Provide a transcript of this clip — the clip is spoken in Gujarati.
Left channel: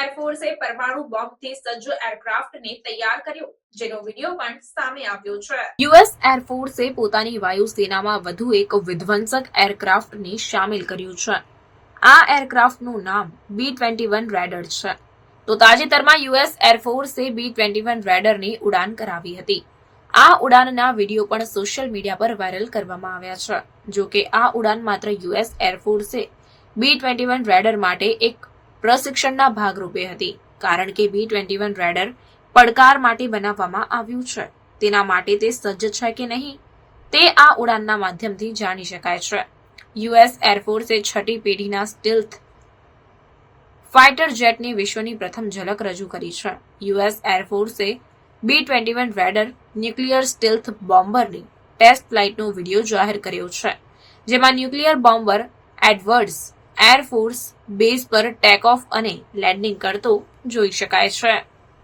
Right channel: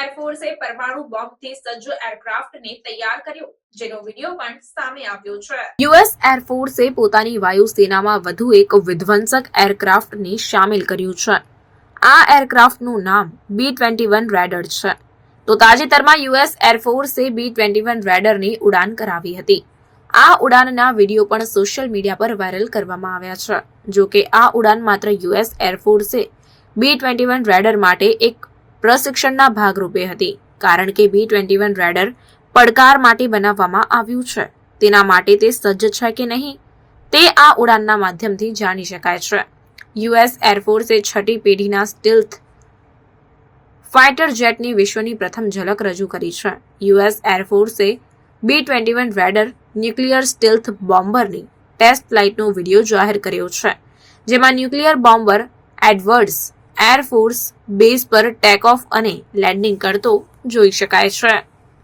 એરફોર્સે પરમાણુ બોમ્બથી સજ્જ એરક્રાફ્ટને તૈયાર કર્યો યુએસ એરફોર્સે પોતાની વાયુસેનામાં વધુ એક વિધ્વંસક એરક્રાફ્ટને સામેલ કર્યું છે. આ એરક્રાફ્ટનું નામ બી ટ્વેન્ટી વન રેડર છે. તો તાજેતરમાં યુએસ એરફોર્સે બી ટ્વેન્ટી વન રેડરની ઉડાન કરાવી હતી. આ ઉડાનના વીડિયો પણ સોશિયલ મીડિયા પર વાયરલ કરવામાં આવ્યા છે. જો કે આ ઉડાન માત્ર યુએસ એરફોર્સે બી ટ્વેન્ટી વન રેડર માટે એક પ્રશિક્ષણના ભાગરૂપે હતી, કારણ કે બી ટ્વેન્ટી વન રેડર પડકાર માટે બનાવવામાં આવ્યું છે. તેના માટે તે સજ્જ છે કે નહીં, તે આ ઉડાનના માધ્યમથી જાણી શકાય છે. યુએસ એરફોર્સે છઠ્ઠી પેઢીના સ્ટીલ્થ ફાઇટર જેટની વિશ્વની પ્રથમ ઝલક રજૂ કરી છે. US એરફોર્સે B twenty one Raider nuclear stealth બોમ્બરની test ફ્લાઇટનો વીડિયો જાહેર કર્યો છે, જેમાં nuclear bomber Edwards Air Force Base પર ટેક ઓફ અને લેન્ડિંગ કરતો જોઈ શકાય છે.